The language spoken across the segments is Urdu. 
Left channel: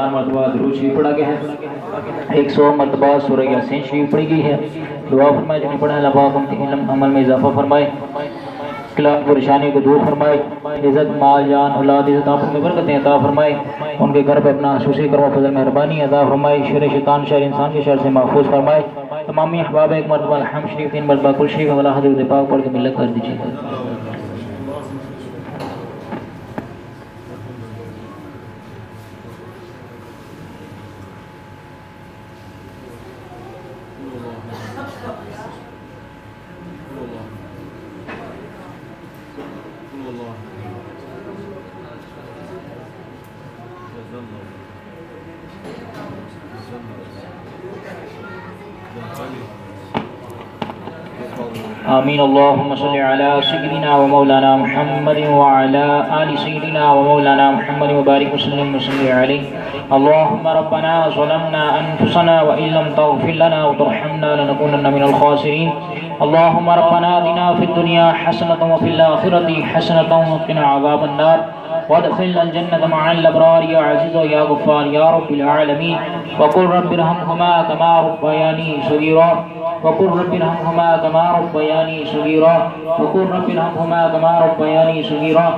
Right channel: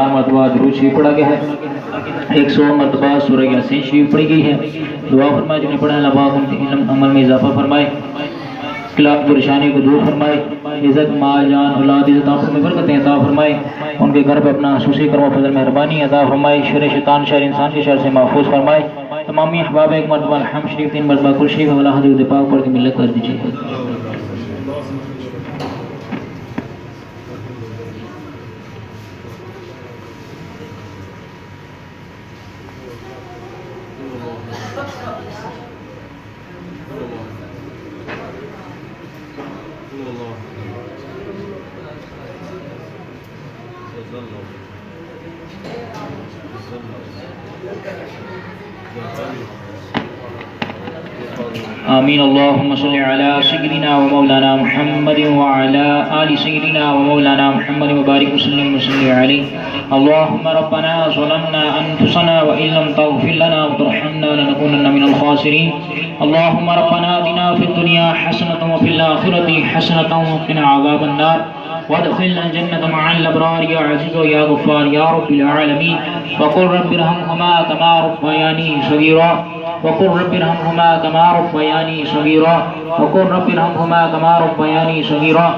1000 مرتبہ درود شریف پڑھا گیا ہے، 100 مرتبہ سورہ یاسین شریف پڑھی گئی ہے۔ دعا فرمائے جنہیں پڑھا اللہ پاک ان کے علم عمل میں اضافہ فرمائے، اختلاف پریشانی کو دور فرمائے، عزت مال جان اولاد عزت آنکھوں میں برکتیں عطا فرمائے، ان کے گھر پہ اپنا خصوصی کرم و فضل مہربانی عطا فرمائے، شر شیطان شر انسان کے شر سے محفوظ فرمائے۔ تمامی احباب ایک مرتبہ الحمد شریف 3 مرتبہ کل شریف والا حضرت پاک پڑھ کے ملت کر دیجیے۔ آمین۔ اللہم صلی علی سیدنا و مولانا محمد وعلی آل سیدنا و مولانا محمد مبارک وسلم وصلی علیہ۔ اللہم ربنا ظلمنا انفسنا وإن لم تغفر لنا وترحمنا لنکونن من الخاسرین۔ اللہم ربنا آتنا فی الدنیا حسنۃ وفی الآخرۃ حسنۃ وقنا عذاب النار وادخلنا الجنة مع الأبرار يا عزيز يا غفار يا رب العالمين۔ وقل رب ارحمهما كما ربياني صغيرا وقل رب ارحمهما كما ربياني صغيرا وقل رب ارحمهما كما ربياني صغيرا۔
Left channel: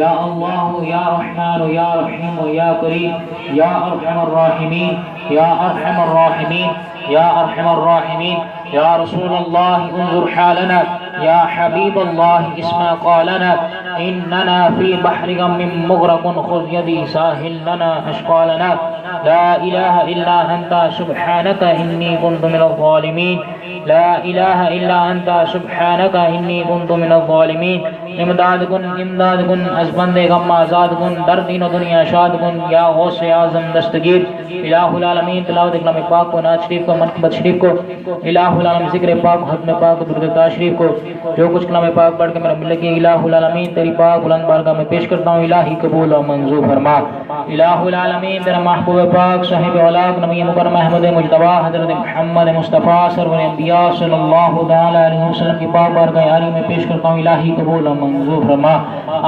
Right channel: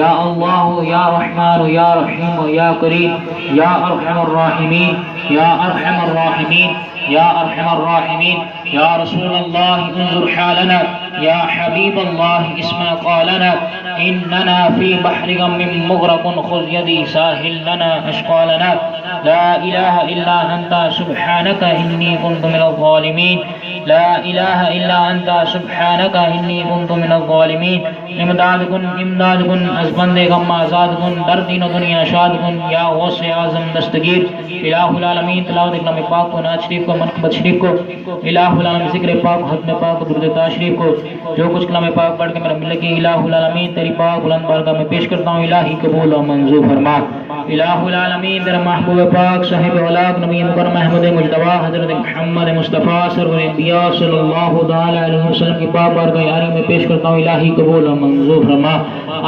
یا اللہ یا رحمان یا رحیم یا کریم یا ارحم الراحمین یا ارحم الراحمین یا ارحم الراحمین۔ یا رسول اللہ انظر حالنا یا حبیب اللہ اسمع قالنا اننا فی بحر غم مغرق خذ یدی ساحل لنا اشقالنا۔ لا الہ الا انت سبحانک انی کنت من الظالمین۔ لا الہ الا انت سبحانک انی کنت من الظالمین۔ امداد کن امداد کن از بند غم آزاد کن، در دین و دنیا شاد کن یا غوث اعظم دستگیر۔ الہ العالمین تلاوت کلام پاک کو، نعت شریف کو، منقبت شریف کو، الہ العالمین ذکر پاک، ختم پاک، درود شریف کو، جو کچھ کلام پاک پڑھ کے میرا مل کی الہ العالمین تیری پاک بلند بارگاہ میں پیش کرتا ہوں، الہی قبول و منظور فرما۔ الہ العالمین تیرا محبوب پاک صاحب اولاق نبی مکرم احمد مجتبی حضرت محمد مصطفیٰ سرور انبیاء صلی اللہ تعالی علیہ وسلم کی پاک بارگاہ عالی میں پیش کرتا ہوں، الہی قبول و منظور فرما۔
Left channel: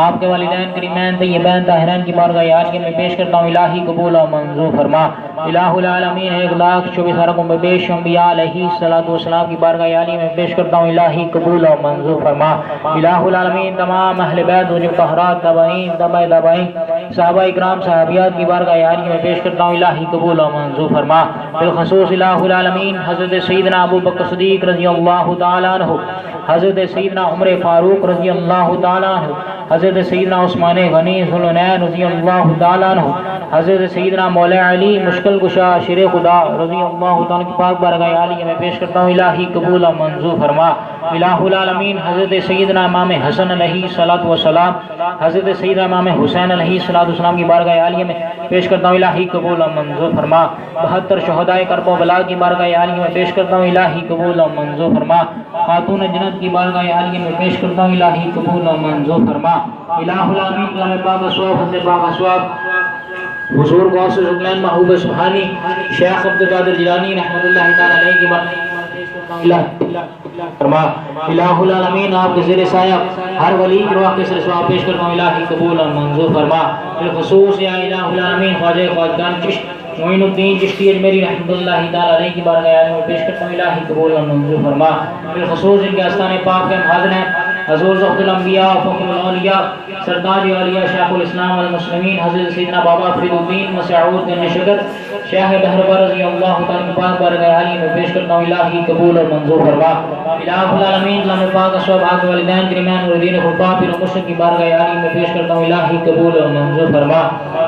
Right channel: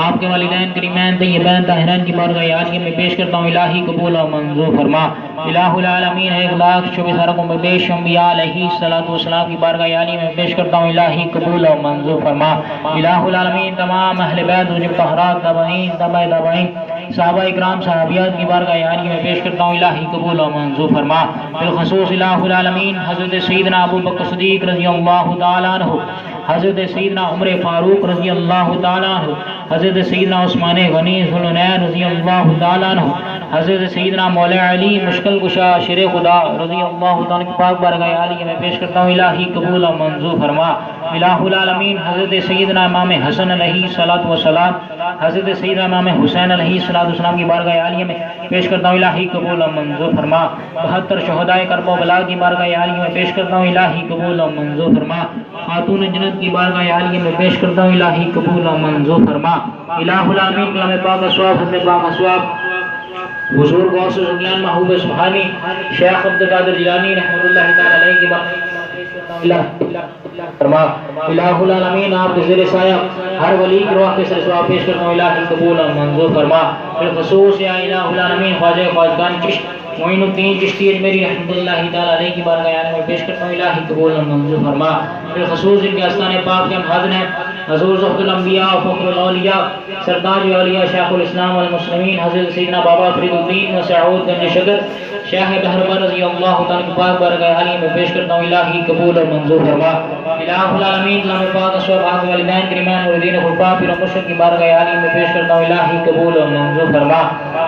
آپ کے والدین کریمین طیبین طاہرین کی بارگاہ عالی میں پیش کرتا ہوں، الہی قبول و منظور فرما۔ الہ العالمین 1,24,000 میں بیش انبیاء علیہ السلام کی بارگاہ عالی میں پیش کرتا ہوں، الہی قبول و منظور فرما۔ الہ العالمین تمام اہل بیت و طہرات تابعین تبع تابعین صحابہ اکرام صحابیات کی بارگاہ عالی میں پیش کرتا ہوں، الہی قبول و منظور فرما۔ بالخصوص الہ العالمین حضرت سیدنا ابو بکر صدیق رضی اللہ تعالیٰ عنہ، حضرت سیدنا عمر فاروق رضی اللہ تعالیٰ عنہ، حضرت سیدنا عثمان غنی ذوالنورین رضی اللہ تعالیٰ عنہ، حضرت سیدنا مولا علی مشکل کشا شیر خدا رضی اللہ تعالیٰ کی پاک بارگاہ عالی میں پیش کرتا ہوں، الہی قبول و منظور فرما۔ الہ العالمین حضرت سیدنا امام حسن علیہ السلام، حضرت سیدنا امام حسین علیہ السلام کی بارگاہ عالی میں پیش کرتا ہوں، الہی قبول و منظور فرما۔ 72 شہدائے کرب و بلا کی بارگاہ عالی میں پیش کرتا ہوں، الہی قبول و منظور فرما۔ خاتون جنت کی بارگاہ عالی میں پیش کرتا ہوں، الہی قبول و منظور فرما۔ الہ العالمین کلام پاک اسواب حضرت پاک اسواب حضور غوث الجلال محبوب سبحانی شیخ عبدالقادر جیلانی رحمۃ اللہ تعالی علیہ کی فرما۔ الہ العالمین آپ کے زیر سایہ ہر ولی کے واقعے سے سواب پیش کرتا ہوں، الہی قبول و منظور فرما۔ بالخصوص یا الہ العالمین خواجہ خواجگان چشت معین الدین چشتی اجمیری رحمۃ اللہ تعالی علیہ کی بارگاہ عالی میں پیش کرتا ہوں، الہی قبول و منظور فرما۔ بالخصوص ان کے آستان پاک کے حاضر ہیں حضور ضبط الانبیاء فخر الاولیاء سردار اولیاء شیخ الاسلام والمسلمین حضرت سیدنا بابا فرید الدین مسعود گنج شکر شیخ بہربر رضی اللہ تعالیٰ کی پاک بارگاہ عالی میں پیش کرتا ہوں، الہی قبول اور منظور فرما۔ الہ العالمین کلام پاک اسواب آپ کے والدین کریمین والدین خلفاء پیر و مرشد کی بارگاہ عالی میں پیش کرتا ہوں، الہی قبول اور منظور فرما۔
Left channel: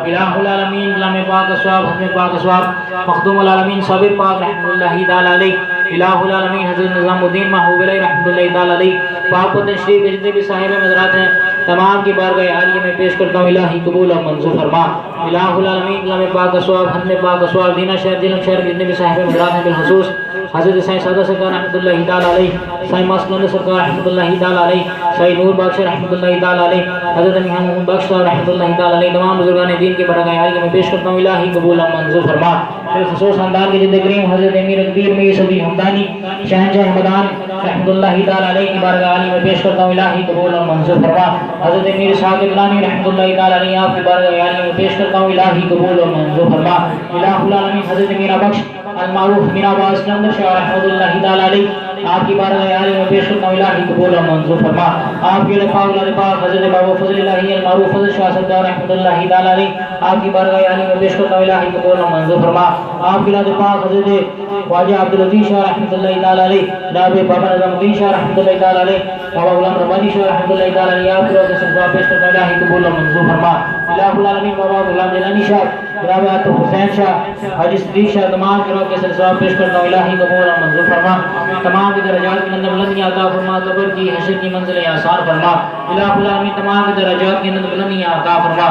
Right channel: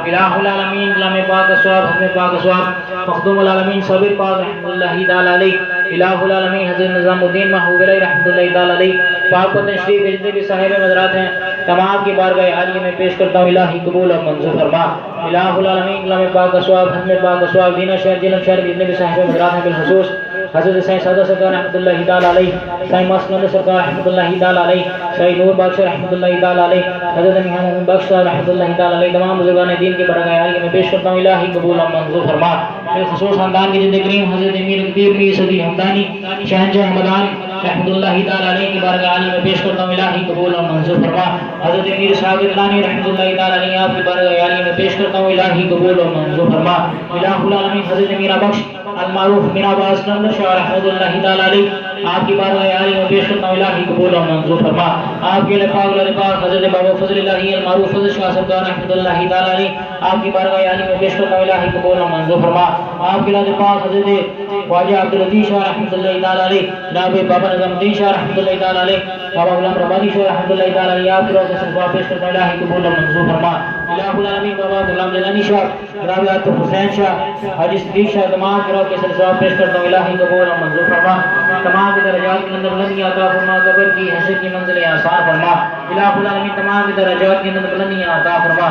الہ العالمین کلام پاک اسواب حکم پاک اسواب مخدوم العالمین صابر پاک رحمۃ اللہ تعالی علیہ، الہ العالمین حضرت نظام الدین محبوب علیہ رحمۃ اللہ تعالی علیہ پاک و تشریف کے جتنے بھی صاحب مزارات ہیں تمام کی بارگاہ عالیہ میں پیش کرتا ہوں، الہی قبول اور منظور فرما۔ الہ العالمین کلام پاک اسواب ختم پاک اسواب دینا شہر جلم شہر کے جتنے بھی صاحب مزارات ہیں بالخصوص حضرت سائیں سادہ سرکار رحمۃ اللہ تعالی علیہ، سائیں ماسکلند سرکار رحمۃ اللہ تعالی علیہ، سائیں نور بخش رحمۃ اللہ تعالی علیہ، حضرت میاں محمد بخش رحمۃ اللہ تعالی علیہ تمام بزرگان دین کے بارگاہ عالیہ میں پیش کرتا ہوں، الہی قبول اور منظور فرما۔ بالخصوص خاندان کے جد کریم حضرت امیر اقدیر میر صدی حمدانی شہنشاہ حمدان رحمۃ اللہ تعالی علیہ کی بارگاہ عالی میں پیش کرتا ہوں الہی قبول اور منظور فرما. حضرت میر ثاقب لانی رحمۃ اللہ تعالی علیہ آپ کی بارگاہ عالی میں پیش کرتا ہوں الہی قبول اور منظور فرما. الہ العالمین حضرت میرا بخش المعروف بن عباس کلندر شاہ رحمۃ اللہ تعالی علیہ آپ کی بارگاہ عالی میں پیش کرتا ہوں الہی قبول اور منظور فرما. آپ کے پاک حضرت بابا فضل الہی المعروف فضل شاہ سردار رحمۃ اللہ تعالی علیہ آپ کی بارگاہ عالی میں پیش کرتا ہوں الہی قبول اور منظور فرما. آپ کے پاک حضرت خواجہ عبدالعزیز شاہ رحمۃ اللہ تعالی علیہ جناب بابا نظام الدین شاہ رحمۃ اللہ تعالی علیہ بابا غلام ربانی شاہ رحمۃ اللہ تعالی علیہ آپ کی روح سے صدقہ پیش کرتا ہوں الہی قبول اور منظور فرما. الہ العالمین بابا غلام جیلانی شاہ جناب عاطف حسین شاہ حاجی صدیق شاہ تمام کی روح سے صدقہ پیش کرتا ہوں الہی قبول اور منظور فرما. تمام کے درجات کے اندر بلندی عطا فرما, قبر کی حشر کی منزل آسان فرما. الہ العالمین تمام کے درجات کے اندر بلندی عطا فرما.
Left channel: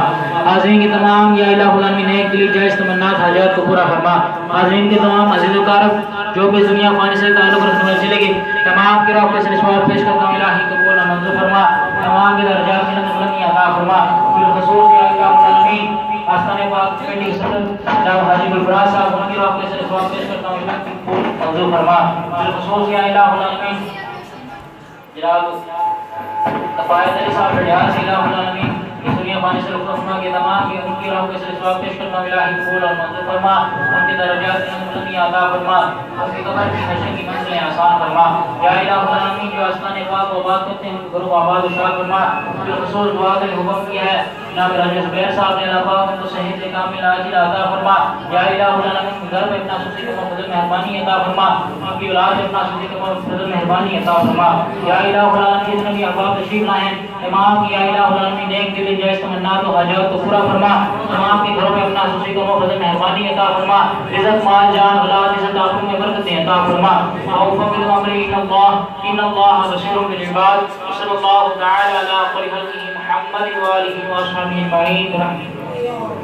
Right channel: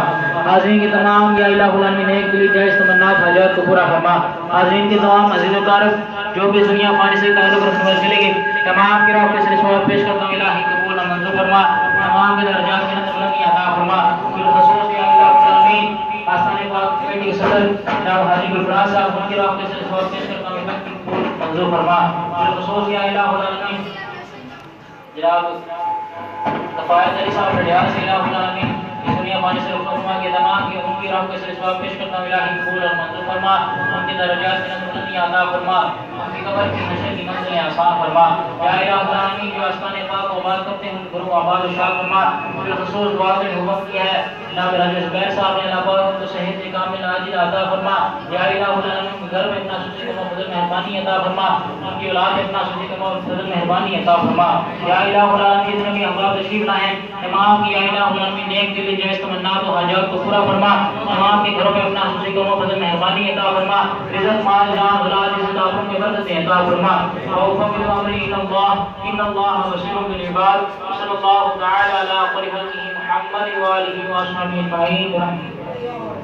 حاضرین کے تمام یا الہ العالمین ایک دلی جائز تمنات حاجات کو پورا فرما. حاضرین کے تمام عزیز و کارب جو بھی دنیا فانی سے تعلق رکھنے والے چلے گئے تمام کی روح سے ثواب پیش کرتا ہوں الہی قبول اور منظور فرما. تمام کے درجات کے اندر بلندی عطا فرما. بالخصوص یا الہ العالمین آستان پاک کمیٹی کے صدر جناب حاجی گلفراز صاحب ان کی روح سے ثواب پیش کرتا ہوں الہی قبول منظور فرما. بالخصوص یا الہ العالمین جناب تفایت علی صاحب ریاض سے الہ العالمین اس دنیا فانی سے رخصت فرما کے تمام کی ان کی روح سے ثواب پیش کرتا ہوں الہی قبول اور منظور فرما. ان کے درجات کے اندر بلندی عطا فرما. ان کی قبر کی حشر کی منزلیں آسان فرما. یا الہ العالمین جو آستان پاک و بات کرتے ہیں ان کے گھروں آباد و شاد فرما. بالخصوص دعا کا حکم کیا ہے جناب راجہ زبیر صاحب نے اللہ ان کو صحت کامل عاجل عطا فرما. یا الہ العالمین گھر میں اپنا سوچے کو فضل مہربانی عطا فرما. ان کی اولاد میں اپنا سوچے کو فضل مہربانی عطا فرما. یا الہ العالمین جتنے بھی احباب تشریف لائے ہیں تمام کی یا الہ العالمین ایک دل جائز تمنات و حاجات کو پورا فرما. تمام کے گھروں میں اپنا سوچے کو فضل مہربانی عطا فرما. رزق مال جان اولاد عزت آبرو میں برکت عطا فرما. وفق الامر ان اللہ بصیر بالعباد. صلی اللہ تعالی علی خیر خلقہ محمد و آلہ و اصحابہ اجمعین.